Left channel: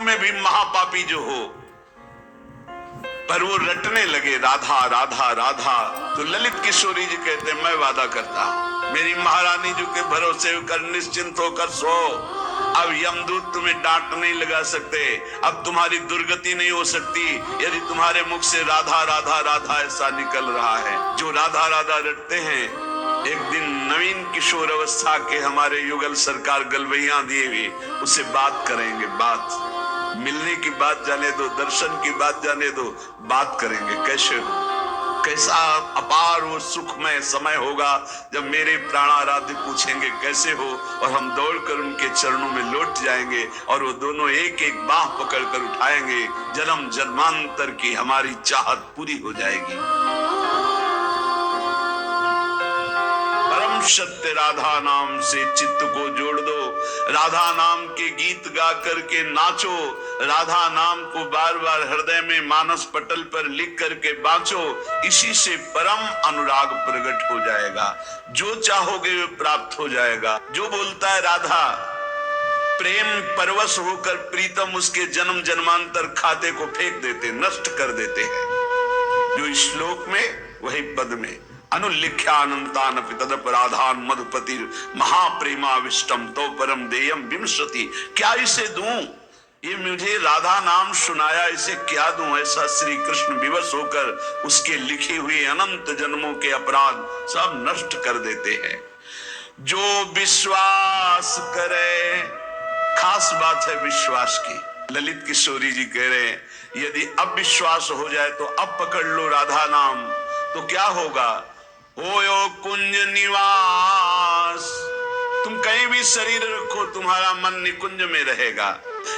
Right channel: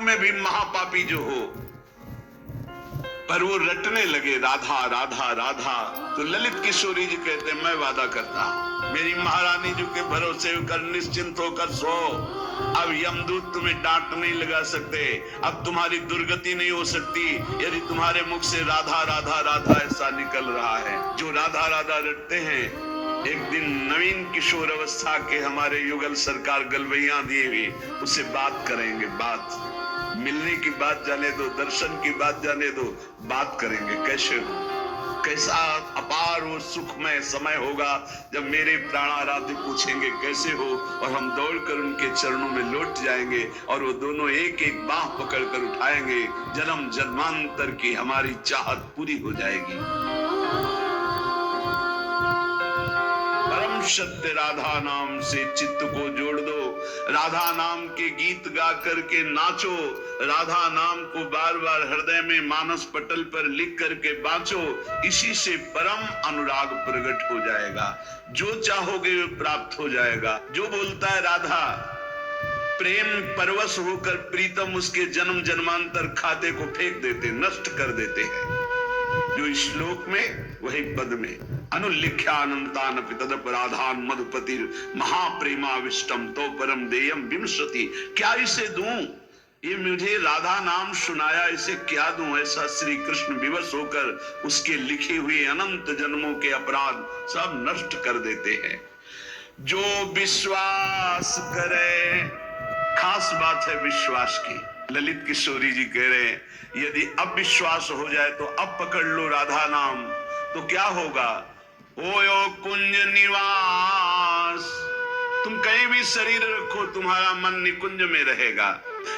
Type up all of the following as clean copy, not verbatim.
में भी महापापी जो हो, पर वो रटने लगे राधा राधा राधा, तो ललित किशोरी जी कहते मैं वादा करता हूं मेरी महारानी जी के भरोसे कर निश्चिंत होकर सो। अब यमदूत तुम्हें डांट नहीं लगा सकते, अब तुम्हारी दुर्गति नहीं हो सकती यदि तुम्हारे मुख से राधा राधा राधा ऐसा निकल रहा है। जो राधा राधा रटते हैं, एक दिन नवीन किशोर अवस्था के हमारे युगल सरकार गलवैया दिए हुए उससे बात करेंगे। बात मिलने की बात जाने दो, दर्शन की बात जाने दो, बात करेंगे कैसे हो, कैसा अपार वो सुखमय समय होगा जब मेरे प्राणाराध्य पूछेंगे कैसे हो, और हम दौड़कर उनके चरणों में लौट जाएंगे और वो दोनों एक एक बाह पकड़कर उठाएंगे। जन्म जन्मांतर की हमारी चाहत पूरी हो जाएगी। परम सत्य राधा नाम से चित्त को जोड़ दो, राधा नाम के गीत गा करके नाचो, राधा नाम को बार बार हृदय में मानस पटल पर लिख करके बांचो। इसी से परम अनुराग प्रकट हो जाएगा, जो चाहोगे वो प्राप्त हो जाएगा। जो बोलता है राधा, प्रेम परवश होकर प्रीतम उसके जन्म जन्मांतर खाते को फेंक देते, नष्ट कर देते हैं। जो श्लोक में वही पद में अनुलिख्यानंतान तदपराधान मधुपति महाप्रेमाविष्टम तो परम देयम विमसति। क्या इसे दूं, ये मुझे राधा नाम सुनाया, इसे क्या दूं। ऐसा श्री कृष्ण विवश होकर उसके लिखे हुए अनंत जन्मों के अपराध सब नष्ट कर देते हैं। जो विश्वास करे, खास बात है विश्वास की। ललित किशोरी जी कह रहे हैं यदि अब विश्वास हो जाए तो अब पकड़ लो राधा नाम, तो क्या होगा। ओयो कुंज निवास, तुम कहीं भी शरीर रखो तुम्हारा मन निकुंज में रहेगा।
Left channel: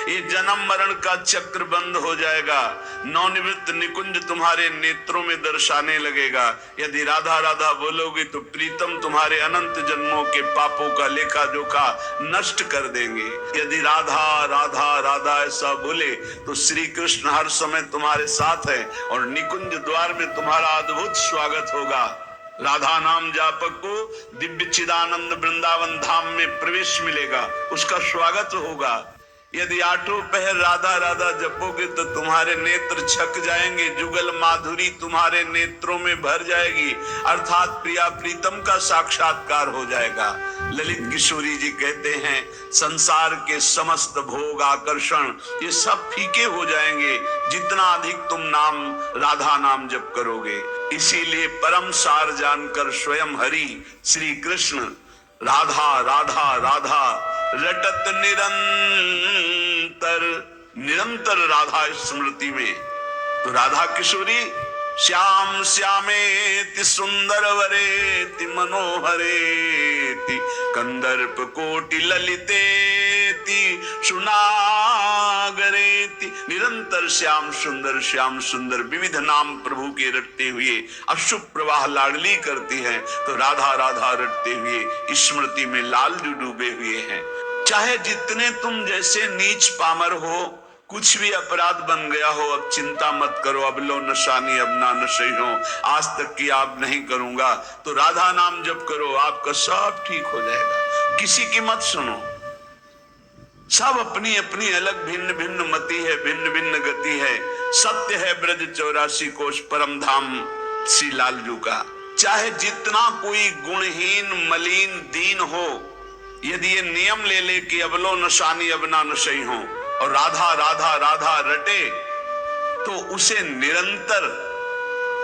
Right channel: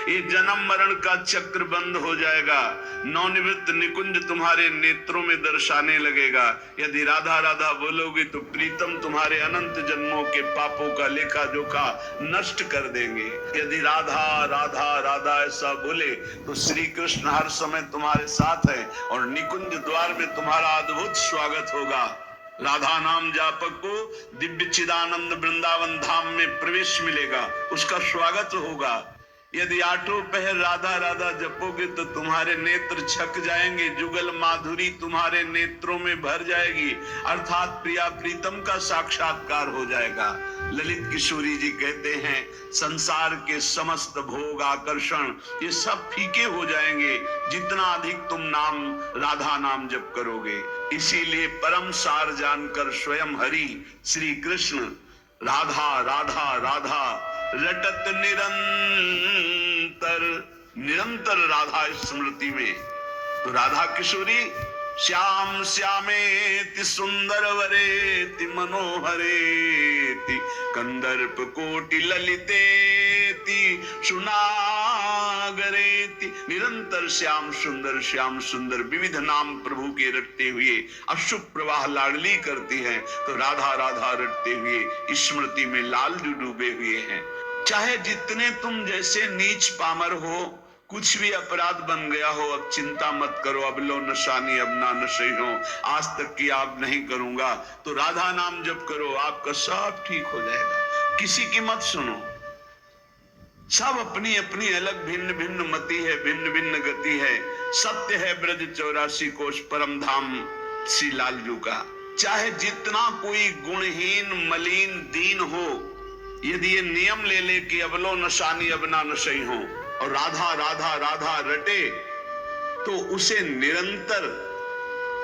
ये जन्म मरण का चक्र बंद हो जाएगा, नवनिवृत्त निकुंज तुम्हारे नेत्रों में दर्शाने लगेगा। यदि राधा राधा बोलोगे तो प्रीतम तुम्हारे अनंत जन्मों के पापों का लेखा जोखा नष्ट कर देंगे। यदि राधा राधा राधा ऐसा बोले तो श्री कृष्ण हर समय तुम्हारे साथ है और निकुंज द्वार में तुम्हारा अद्भुत स्वागत होगा। राधा नाम जापक को दिव्य चिदानंद वृंदावन धाम में प्रवेश मिलेगा, उसका स्वागत होगा। यदि आठों पहर राधा राधा जपोगे तो तुम्हारे नेत्र छक जाएंगे, जुगल माधुरी तुम्हारे नेत्रों में भर जाएगी, अर्थात प्रिया प्रीतम का साक्षात्कार हो जाएगा। ललित किशोरी जी कहते हैं संसार के समस्त भोग आकर्षण ये सब फीके हो जाएंगे जितना अधिक तुम नाम राधा नाम जप करोगे। इसीलिए परम सार जानकर स्वयं हरि श्री कृष्ण राधा राधा राधा रटत निरंतर राधा स्मृति में। तो राधा किशोरी श्याम श्यामेति सुंदर वरेति मनोहरेति कंदर्प कोटि ललितेति सुनागरेति, निरंतर श्याम सुंदर विविध नाम प्रभु के रटते हुए अशुभ प्रवाह लाडली करती हैं। तो राधा राधा रटते हुए स्मृति में लालजू डूबे हुए हैं। चाहे जितने तुम जैसे नीच पामर हो, कुछ भी अपराध बन गया हो, अब चिंता मत करो। अब लो नशानी अब ना नशे हो, आज तक की आप नहीं करूंगा, तो राधा नाम जप करो, आपका सब ठीक हो जाएगा। किसी की मत सुनो, सब अपनी अपनी अलग भिन्न भिन्न मति है, भिन्न भिन्न गति है। सत्य है ब्रज 84 कोश परम धाम श्री लालजू का। चाहे जितना कोई गुणहीन मलिन दीन हो, यदि ये नियम ले ले कि अब लो नशानी अब ना नशे हो और राधा राधा राधा रटे, तो उसे निरंतर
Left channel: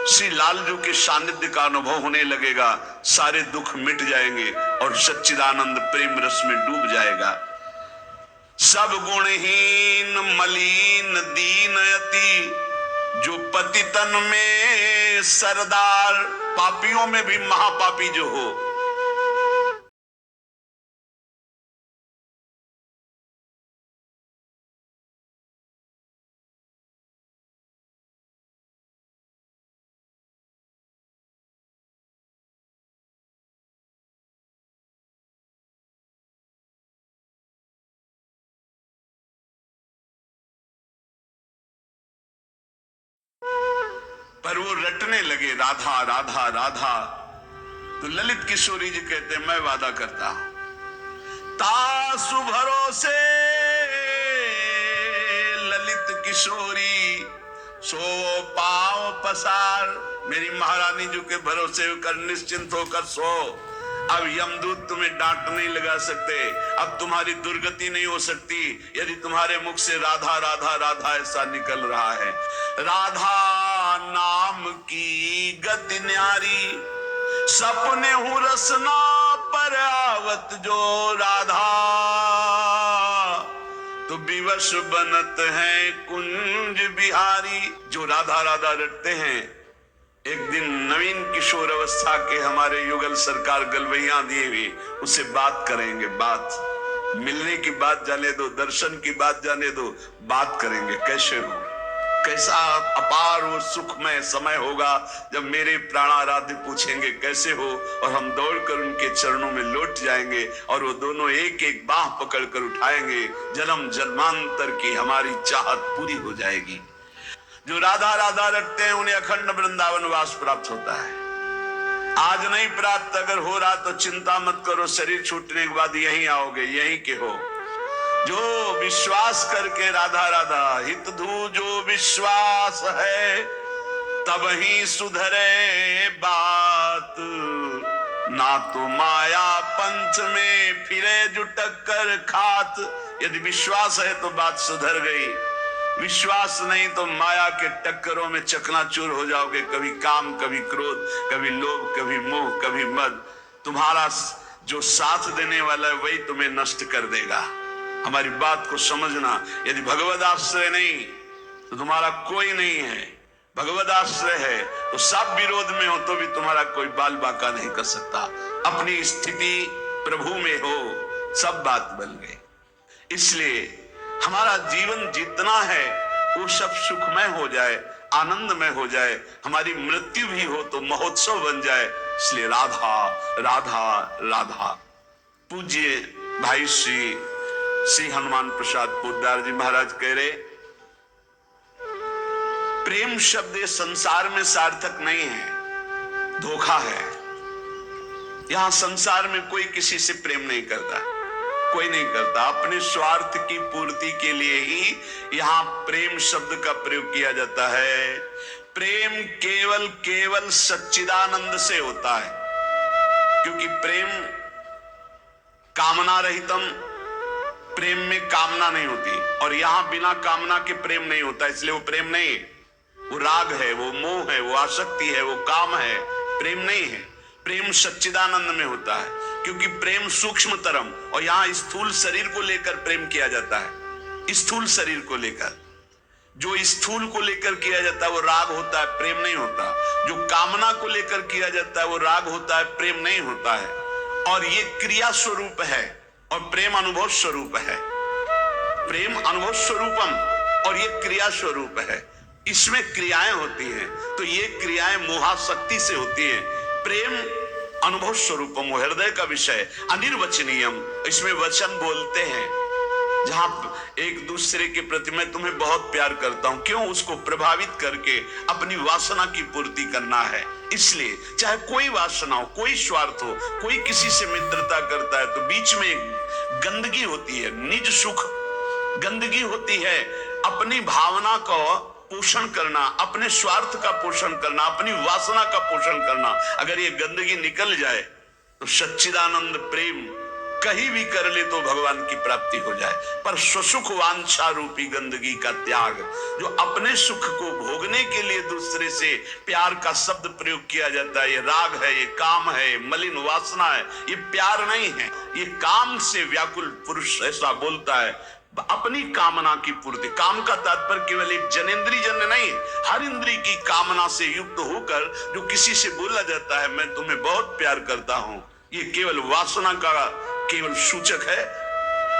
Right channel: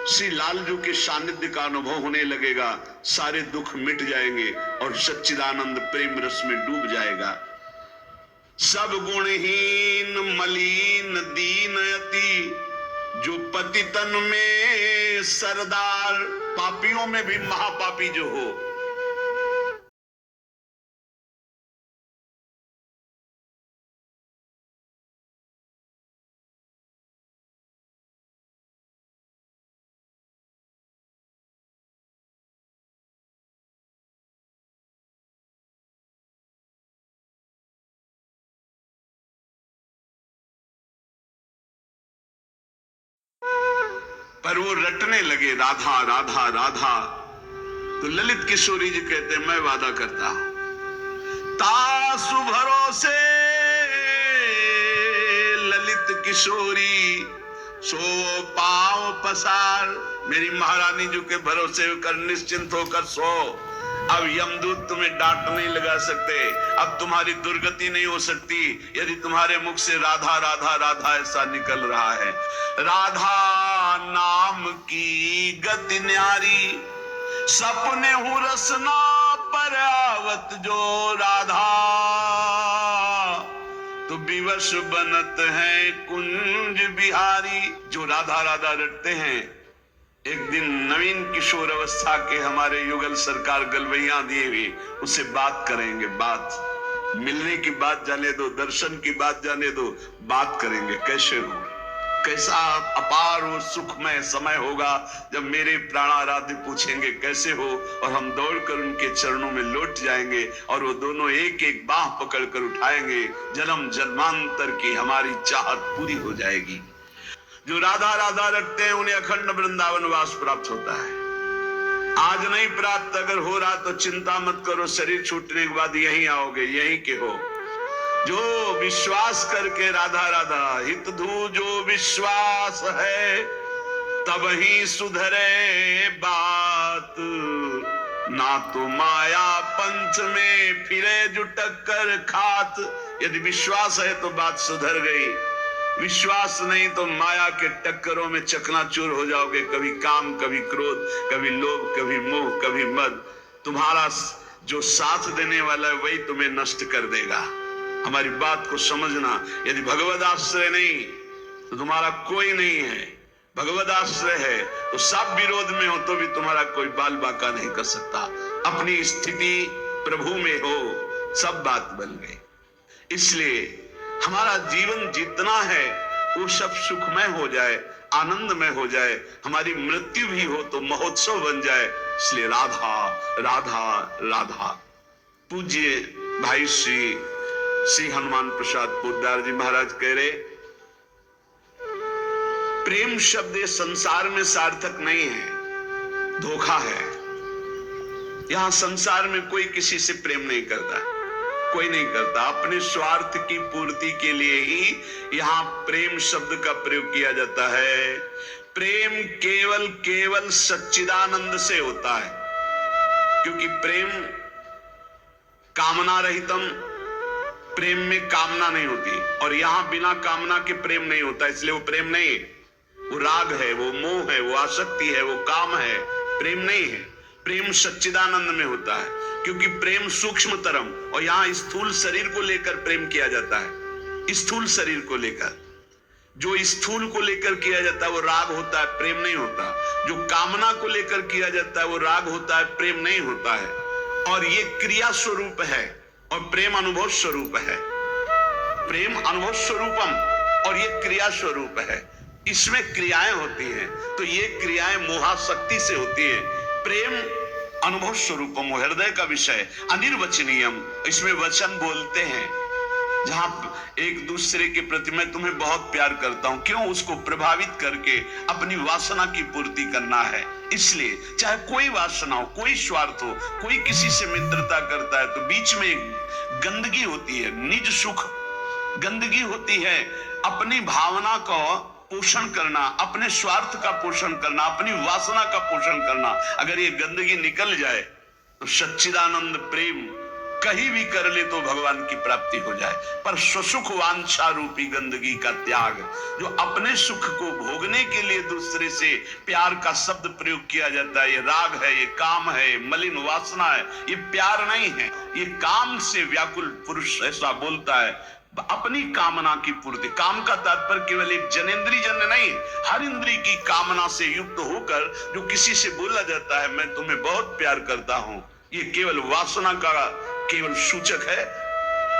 श्री लालजू के सानिध्य का अनुभव होने लगेगा। सारे दुख मिट जाएंगे और सच्चिदानंद प्रेम रस में डूब जाएगा। सब गुणहीन मलिन दीन अति, जो पति तन में सरदार, पापियों में भी महापापी जो हो। पर वो रटने लगे राधा राधा राधा, तो ललित किशोरी जी कहते मैं वादा करता हूं तासु भरोसे किशोरी सो पांव पसार। मेरी महारानी जी के भरोसे कर निश्चिंत होकर सो। अब यमदूत तुम्हें डांट नहीं लगा सकते, अब तुम्हारी दुर्गति नहीं हो सकती यदि तुम्हारे मुख से राधा राधा राधा ऐसा निकल रहा है। राधा नाम की गति न्यारी, सपने हूं रसना पर आवत जो राधा। तो विवश बनत है कुंज बिहारी। जो राधा राधा रटते हैं, एक दिन नवीन किशोर अवस्था के हमारे युगल सरकार गलवैया दिए हुए उससे बात करेंगे। बात मिलने की बात जाने दो, दर्शन की बात जाने दो, बात करेंगे कैसे हो, कैसा अपार और सुखमय समय होगा जब मेरे प्राणाराध्य पूछेंगे कैसे हो, और हम दौड़कर उनके चरणों में लौट जाएंगे और वो दोनों एक एक बाह पकड़कर उठाएंगे। जन्म जन्मांतर की हमारी चाहत पूरी हो जाएगी। जो राधा राधा रखते हैं उन्हें अखंड वृंदावन वास प्राप्त होता है। आज नहीं प्राप्त अगर हो रहा तो चिंता मत करो, शरीर छूटने के बाद यहीं आओगे, यहीं के हो। जो विश्वास करके राधा राधा हित धू जो विश्वास है, तब ही सुधरे बात। ना तो माया पंच में फिरे जुटक कर खात। यदि विश्वास है तो बात सुधर गई, विश्वास नहीं तो माया के टक्करों में चकनाचूर हो जाओगे। कभी काम, कभी क्रोध, कभी लोभ, कभी मोह, कभी मद। तुम्हारा जो साथ देने वाला है वही तुम्हें नष्ट कर देगा। हमारी बात को समझना। यदि भगवद आश्रय नहीं तो तुम्हारा कोई नहीं है, भगवद आश्रय है तो सब विरोध में हो तो भी तुम्हारा कोई बाल बाका नहीं कर सकता। अपनी स्थिति प्रभु में हो, सब बात बन गई। इसलिए हमारा जीवन जितना है वो सब सुखमय हो जाए, आनंदमय हो जाए। हमारी मृत्यु भी हो तो महोत्सव बन जाए। इसलिए राधा राधा राधा। पूज्य भाई श्री हनुमान प्रसाद पोद्दार जी महाराज कह रहे, प्रेम शब्द ये संसार में सार्थक नहीं है, धोखा है। यहां संसार में कोई किसी से प्रेम नहीं करता, कोई नहीं करता। अपने स्वार्थ की पूर्ति के लिए ही यहां प्रेम शब्द का प्रयोग किया जाता है। प्रेम केवल केवल सच्चिदानंद से होता है, क्योंकि प्रेम कामना रहितम, प्रेम में कामना नहीं होती, और यहां बिना कामना के प्रेम नहीं होता, इसलिए वो प्रेम नहीं है। वो राग है, वो मोह है, वो आसक्ति है, वो काम है, प्रेम नहीं है। प्रेम सच्चिदानंद में होता है, क्योंकि प्रेम सूक्ष्म तरम, और यहां स्थूल शरीर को लेकर प्रेम किया जाता है। स्थूल शरीर को लेकर, जो स्थूल को लेकर किया जाता है वो राग होता है, प्रेम नहीं होता। जो कामना को लेकर किया जाता है वो राग होता है, प्रेम नहीं होता है। और ये क्रिया स्वरूप है और प्रेम अनुभव स्वरूप है। प्रेम अनुभव स्वरूपम और ये क्रिया स्वरूप है। इसमें क्रियाएं होती हैं, तो ये क्रियाएं मोहाशक्ति से होती है। प्रेम अनुभव स्वरूपम, हृदय का विषय, अनिर्वचनीयम, इसमें वचन बोलते हैं। जहां एक दूसरे के प्रति मैं तुम्हें बहुत प्यार करता हूं, क्यों? उसको प्रभावित करके अपनी वासना की पूर्ति करना है। इसलिए चाहे कोई वासना हो, कोई स्वार्थ हो, कोई किसी से मित्रता करता है तो बीच में गंदगी होती है, निज सुख गंदगी होती है। अपनी भावना को पोषण करना, अपने स्वार्थ का पोषण करना, अपनी वासना का पोषण करना, अगर ये गंदगी निकल जाए तो सच्चिदानंद प्रेम कहीं भी कर ले तो भगवान की प्राप्ति हो जाए। पर स्वसुख वांछा रूपी गंदगी का त्याग, जो अपने सुख को भोगने के लिए दूसरे से प्यार का शब्द प्रयोग किया जाता है, ये राग है, ये काम है, मलिन वासना है, ये प्यार नहीं है। ये काम से व्याकुल पुरुष ऐसा बोलता है, अपनी कामना की पूर्ति। काम का तात्पर्य केवल एक जनेंद्रिय जन्य नहीं, हर इंद्रिय की कामना से युक्त होकर जो किसी से बोला जाता है मैं तुम्हें बहुत प्यार करता हूं, ये केवल वासना का केवल सूचक है।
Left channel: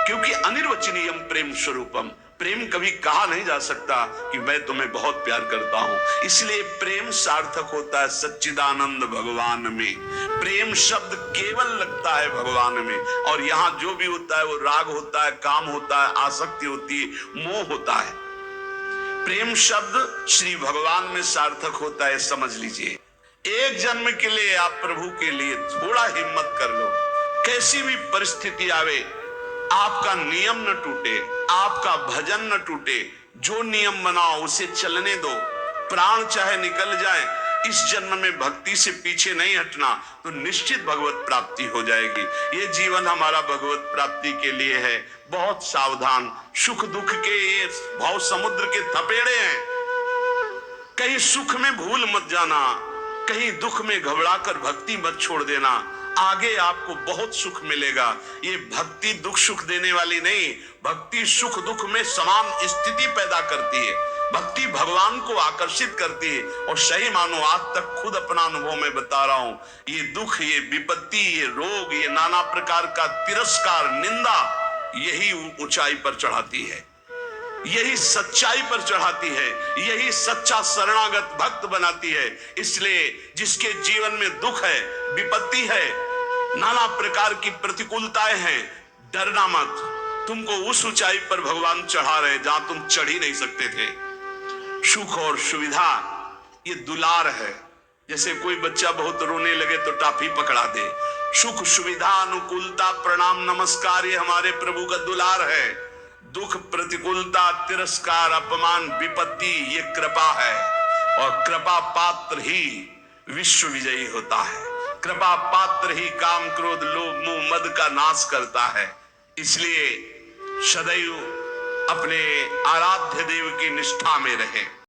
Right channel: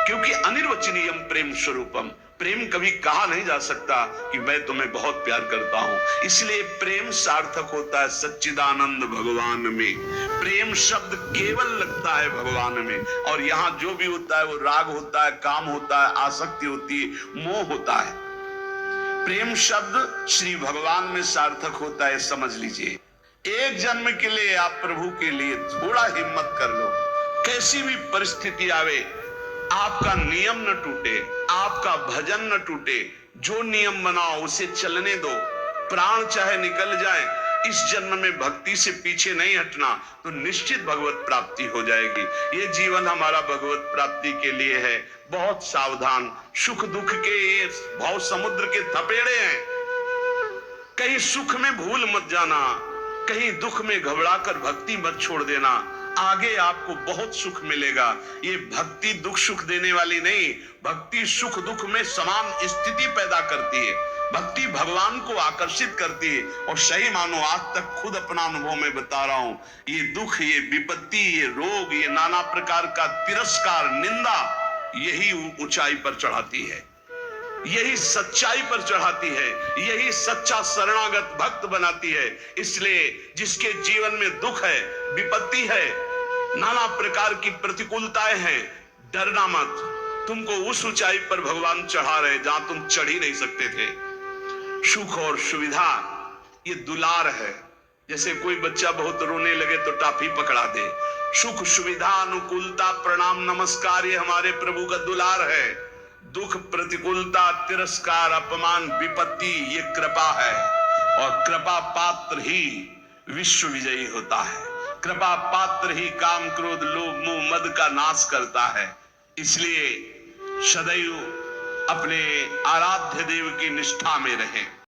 क्योंकि अनिर्वचनीयम प्रेम स्वरूपम, प्रेम कभी कहा नहीं जा सकता कि मैं तुम्हें बहुत प्यार करता हूं। इसलिए प्रेम सार्थक होता है सच्चिदानंद भगवान में। प्रेम शब्द केवल लगता है भगवान में, और यहां जो भी होता है वो राग होता है, काम होता है, आसक्ति होती है, मोह होता है। प्रेम शब्द श्री भगवान में सार्थक होता है, समझ लीजिए। एक जन्म के लिए आप प्रभु के लिए थोड़ा हिम्मत कर लो, कैसी भी परिस्थिति आवे आपका नियम न टूटे, आपका भजन न टूटे, जो नियम बनाओ उसे चलने दो, प्राण चाहे निकल जाए, इस जन्म में भक्ति से पीछे नहीं हटना, तो निश्चित भगवत प्राप्ति हो जाएगी। ये जीवन हमारा भगवत प्राप्ति के लिए है। बहुत सावधान, सुख दुख के ये भाव समुद्र के थपेड़े हैं, कहीं सुख में भूल मत जाना, कहीं दुख में घबराकर भक्ति मत छोड़ देना, आगे आपको बहुत सुख मिलेगा। ये भक्ति दुख सुख देने वाली नहीं, भक्ति सुख दुख में समान स्थिति पैदा करती है, भक्ति भगवान को आकर्षित करती है। और सही मानो, आज तक खुद अपना अनुभव में बता रहा हूं, ये दुख, ये विपत्ति, ये रोग, ये नाना प्रकार का तिरस्कार, निंदा, यही ऊंचाई पर चढ़ाती है, यही सच्चाई पर चढ़ाती है, यही सच्चा शरणागत भक्त बनाती है। इसलिए जिसके जीवन में दुख है, विपत्ति है, नाना प्रकार की प्रतिकूलताएं हैं, डरना मत, तुमको उस ऊंचाई पर भगवान चढ़ा रहे जहां तुम चढ़ ही नहीं सकते थे। सुख और सुविधा ये दुलार है, जैसे कोई बच्चा बहुत रोने लगे तो टाफी पकड़ा दे। सुख सुविधा अनुकूलता प्रणाम नमस्कार ये हमारे प्रभु का दुलार है। दुख प्रतिकूलता तिरस्कार अपमान विपत्ति ये कृपा है, और कृपा पात्र ही विश्व विजयी होता है। कृपा पात्र ही काम क्रोध लोभ मोह मद का नाश करता है। इसलिए सदैव अपने आराध्य देव की निष्ठा में रहे।